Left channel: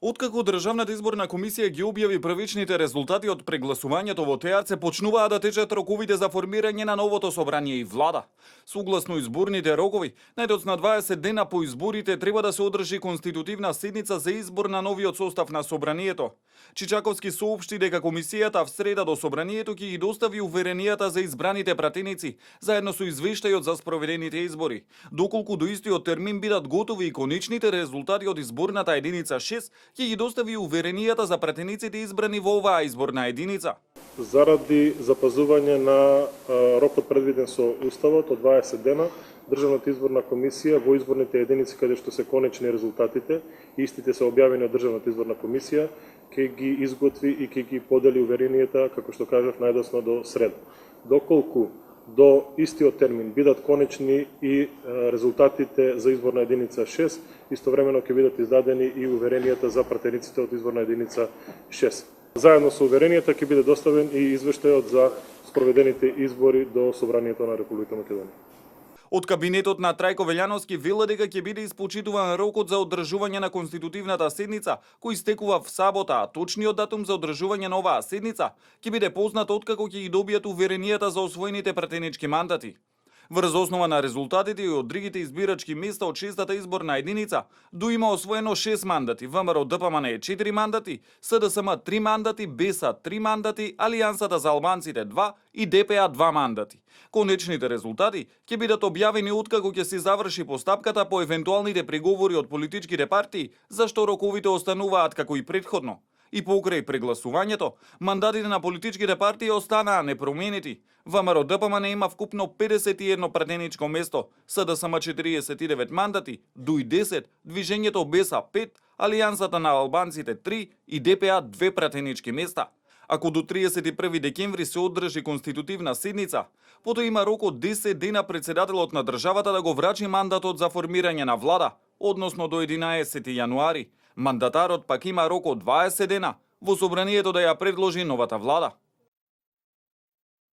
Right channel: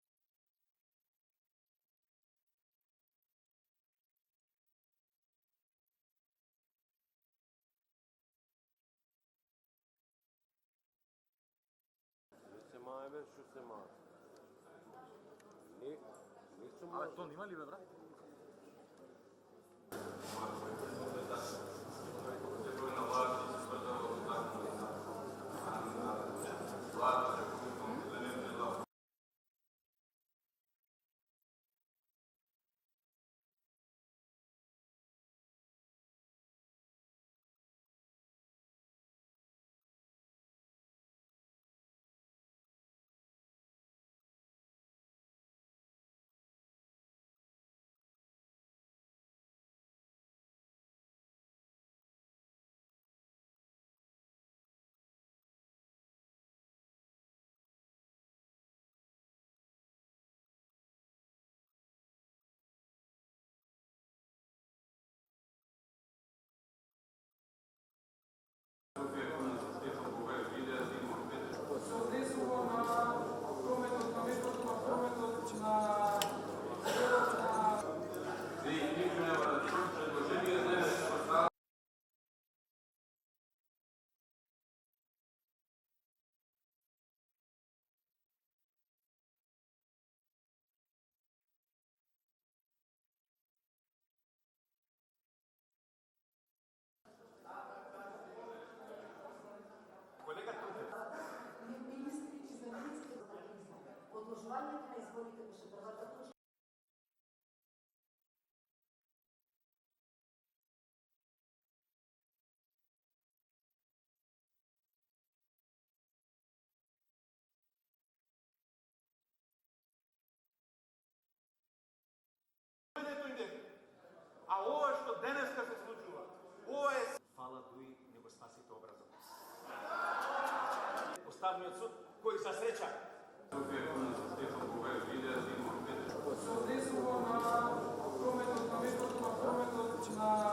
Откако Државната изборна комисија ги објави првичните резултати од прегласувањето во ТЕАРЦ, почнуваа да течат роковите за формирање на новото собрание и влада. Согласно изборните рокови, најдоцна 20 дена по изборите треба да се одржи конститутивна седница за избор на новиот состав на собранието. Чичаковски соопшти дека комисијата в среда до собранието ќе ги достави уверенијата за избраните пратеници, заедно со извештајот за спроведените избори. Доколку до истиот термин бидат готови и конечните резултати од изборната единица 6, ќе ги достави уверенијата за пратениците избрани во оваа изборна единица. Заради запазување на рокот предвиден со Уставот од 20 дена, Државната изборна комисија во изборните единици каде што се конечни резултатите, истите се објавени од Државната изборна комисија, ќе ги изготви и ќе ги подели уверенијата, како што кажав, најдосно до среда. Доколку до истиот термин бидат конечни и резултатите за изборна единица 6, истовремено ќе бидат издадени и уверенијата за пратениците од изборна единица 6. Заедно со уверенијата ќе биде доставен и извештајот за спроведените избори до Собранието на Република Македонија. Од кабинетот на Трајко Велјановски вела дека ќе биде испочитуван рокот за одржување на конститутивната седница, кој истекува в сабота, а точниот датум за одржување на оваа седница ќе биде познат откако ќе ги добијат уверенијата за освоените пратенички мандати. Врз основа на резултатите и од другите избирачки места од 6-та изборна единица, ДУ има освоено 6 мандати, ВМРО ДПМН е 4 мандати, СДСМ 3 мандати, БЕСА 3 мандати, Алијансата за албанците 2 и ДПА 2 мандати. Конечните резултати ќе бидат објавени откако ќе се заврши постапката по евентуалните преговори од политичките партии, зашто роковите остануваат како и претходно. И покрај прегласувањето, мандатите на политичките партии останаа непроменети. ВМРО ДПМН има вкупно 51 пратеничко место, СДСМ 49 мандати, ДУИ 10, Движењето БЕСА 5, Алијансата на албанците 3 и ДПА 2 пратенички места. Ако до 31 декември се одржи конститутивна седница, потоа има рок од 10 дена председателот на државата да го врачи мандатот за формирање на влада, односно до 11 јануари. Мандатарот пак има рок од 20 дена во собранието да ја предложи новата влада.